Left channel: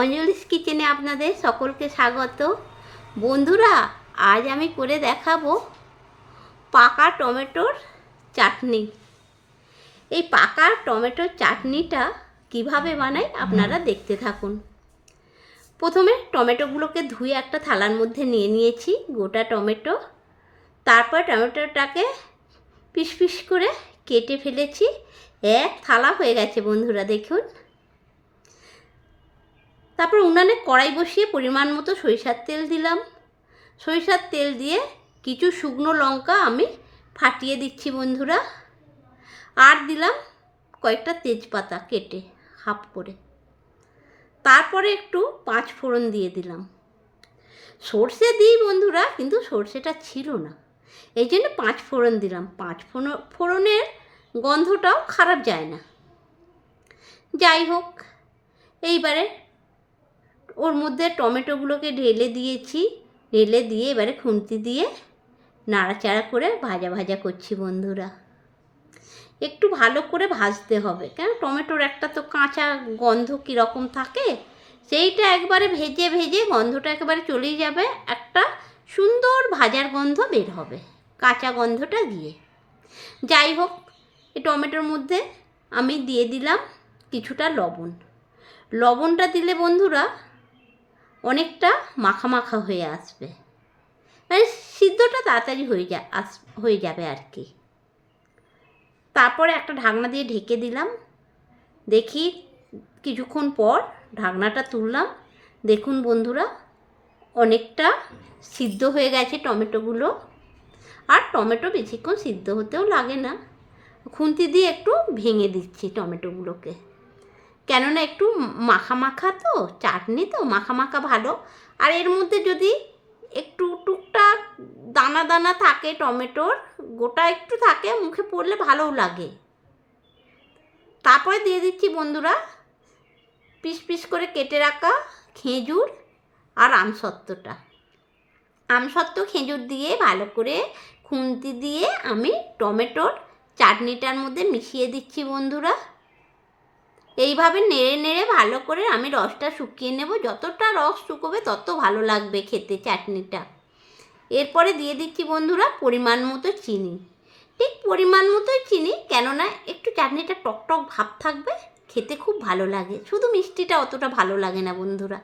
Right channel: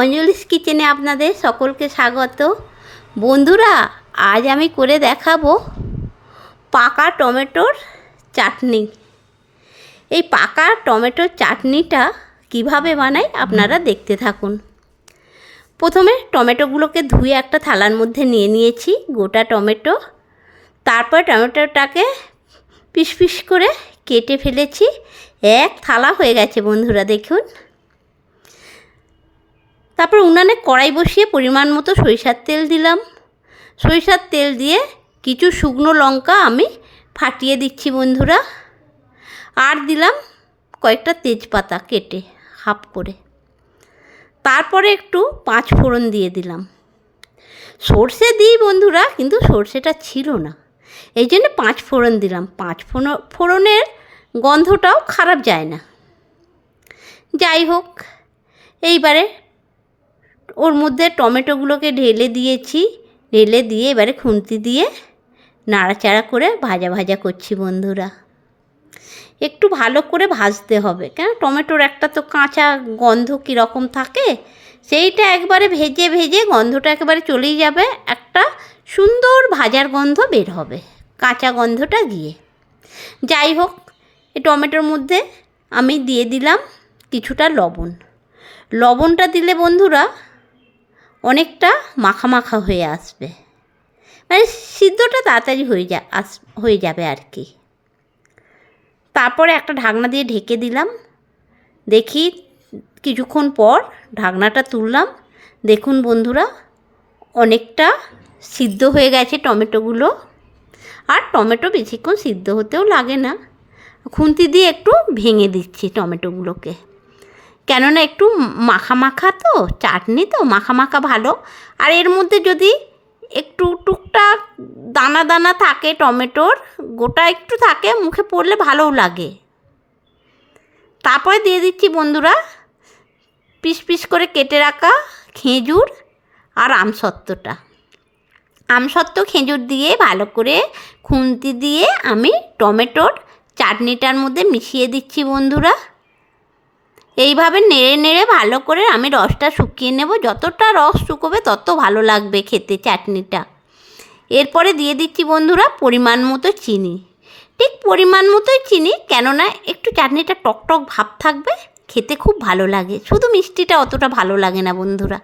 অঞ্জলিস কিচেনে আপনাদের সকলকে স্বাগত। বন্ধুরা, আজ আমি করে দেখাবো পাকা টমেটোর চাটনি। এই পাকা টমেটোর চাটনিটা কিভাবে বানাই আপনারা দেখতে থাকুন। প্রথমে টমেটোগুলোকে ধুয়ে একটা থালার মধ্যে নিয়ে নিয়েছি, গোটা টমেটো। তারপর টমেটোটাকে পিস পিস করে কেটে ফেলেছি। এক থালা হয়ে গেছে বন্ধুরা, দেখুন। তারপর উনানে কড়াই বসিয়ে পরিমাণ মতো সরিষার তেল দিলাম। সরিষার তেল দিয়ে কিছু শুকনো লঙ্কা আমি ফাটিয়ে দিচ্ছি বন্ধুরা। আর দিলাম কয়েকটা তেজপাতা কেটে হাফ করে। তারপরে একটু 5 ফোড়ন দিয়ে দিলাম। সর্ষে দিই বন্ধুরা, কিন্তু সর্ষেটা ছিল না, এই জন্য 5 ফোড়ন দিলাম। 5 ফোড়নের গন্ধটাও খারাপ যায় না। যাই হোক, এইবারে ওর মধ্যে টমেটোগুলোকে ঢেলে দিয়েছি। ঢেলে দিয়ে এবারে খুন্তি দিয়ে নাড়াচাড়া করে ভাজা ভাজা করছি বন্ধুরা। একটু ভালো করে ভাজতে হবে, কেন টমেটোর একটা তো কাঁচা গন্ধ কীরকম থাকে, সেইটা একবারে ভেজে ভেজে গন্ধটা একেবারে চলেই যাবে। একটা সুন্দর ভাজার গন্ধ বের হবে, কাঁচা গন্ধটা গিয়ে। যাই হোক, এই টমেটোর মধ্যে আমি দিয়ে দিলাম কিছুটা লবণ। লবণটা দিলে বন্ধুরা অনেকটা মাখা মাখা হয়ে আসবে, মানে সিদ্ধটা তাড়াতাড়ি হয়ে যাবে আর কি। তারপরে একটা ঢাকনা দিয়ে ঢেকে দিলাম। দেখি কিছুক্ষণ পর ঢাকনাটা তুললাম। দেখুন বন্ধুরা, অনেকটা সিদ্ধ হয়ে গেছে টমেটোগুলো। আর টমেটো বেশিক্ষণ সিদ্ধ হতেও লাগে না। খুন্তি দিয়ে একটু ভেঙে দিচ্ছি টমেটোগুলোকে, কেননা একটু মাখা মাখা তো, চাটনি তো মাখা মাখা ভালো। আর এর মধ্যে যদি একটু টুকটাক দানা দানা থাকে, টমেটোর গোটা একটু থাকে, মুখে পড়লে ভালোও লাগে। তারপরে দিয়ে দিচ্ছি বন্ধুরা পিস পিস করে কেটে রাখা খেজুর আর আমসত্ত্বটা। আমসত্ত্ব খেজুর দিয়ে ভালো করে খুন্তি দিয়ে আমি টমেটোর চাটনিটার মধ্যে মিশিয়ে দিচ্ছি বন্ধুরা। এইভাবে নেড়ে নেড়ে ভালো করে আমি রসটা শুকিয়ে নেব। যতটা রস শুকোবে তত ভালো লাগবে খেতে চাটনিটা। এরপরে দিয়ে দিচ্ছি বন্ধুরা পরিমাণ মতো চিনি। ঠিক পরিমাণ মতোই চিনি, কেননা একটু চাটনিটা টকটক ভাব থাকবে, খেতে খুব ভালো লাগে। শুধু মিষ্টিটা অতটা ভালো লাগে না বন্ধুরা,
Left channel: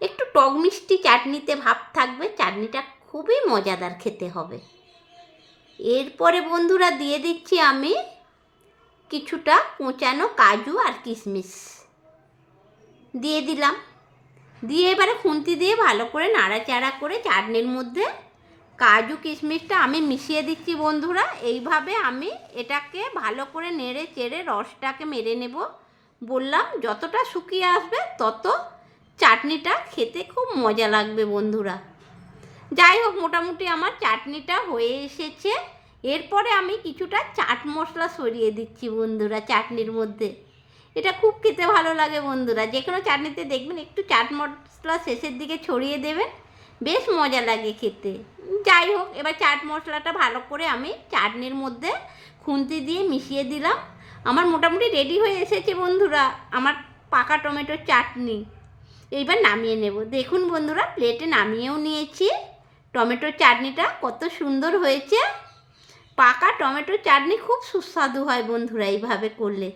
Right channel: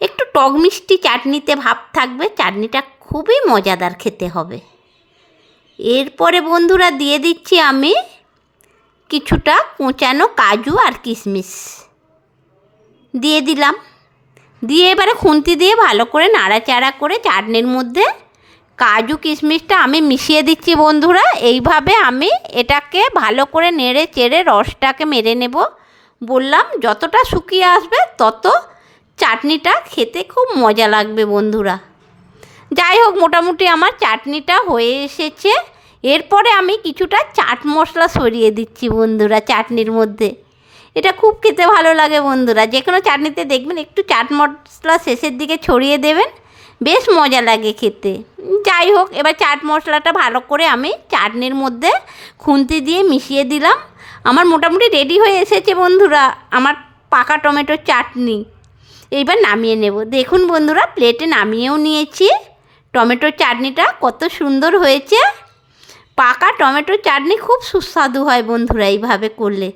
একটু টক মিষ্টি চাটনিতে ভাব থাকবে, চাটনিটা খুবই মজাদার খেতে হবে। এরপরে বন্ধুরা দিয়ে দিচ্ছি আমি কিছুটা কোঁচানো কাজু আর কিশমিশ দিয়ে দিলাম। দিয়ে এবারে খুন্তি দিয়ে ভালো করে নাড়াচাড়া করে চাটনির মধ্যে কাজু কিশমিশটা আমি মিশিয়ে দিচ্ছি বন্ধুরা। এইভাবে আমি এটাকে ভালো করে নেড়ে চেড়ে রসটাকে মেরে নেব। বললাম যতটা শুকিয়ে আসবে তত চাটনিটা খেতে খুব মজা লাগবে বন্ধুরা। যাই হোক, মোটামুটি আমার চাটনিটা হয়ে এসেছে। এরপরে আমি কিছুটা চাট মশলা ছড়িয়ে দিচ্ছি বন্ধুরা চাটনির মধ্যে। এটা খুব খেতে ভালো লাগে বন্ধুরা। যে কোনো চাটনিতে দেখবেন একটু চাট মশলা শেষের দিকে ছড়িয়ে দেবেন, বেশ মজা লাগে খেতে। যাই হোক, এবার চাট মশলাটা ভালো করে আমি চাটনির মধ্যে খুন্তি দিয়ে মিশিয়ে দিলাম। আমার মোটামুটি রেডি হয়ে এসেছে বন্ধুরা আমার পাকা টমেটোর চাটনি। এইবার নামিয়ে নেব। দেখুন বন্ধুরা, প্লেটে নামিয়েও নিয়েছি। টমেটোর চাটনিটা কত সুন্দর হয়েছে। পাকা টমেটোর চাটনি খুব সুস্বাদু হয় বন্ধুরা এইভাবে করলে।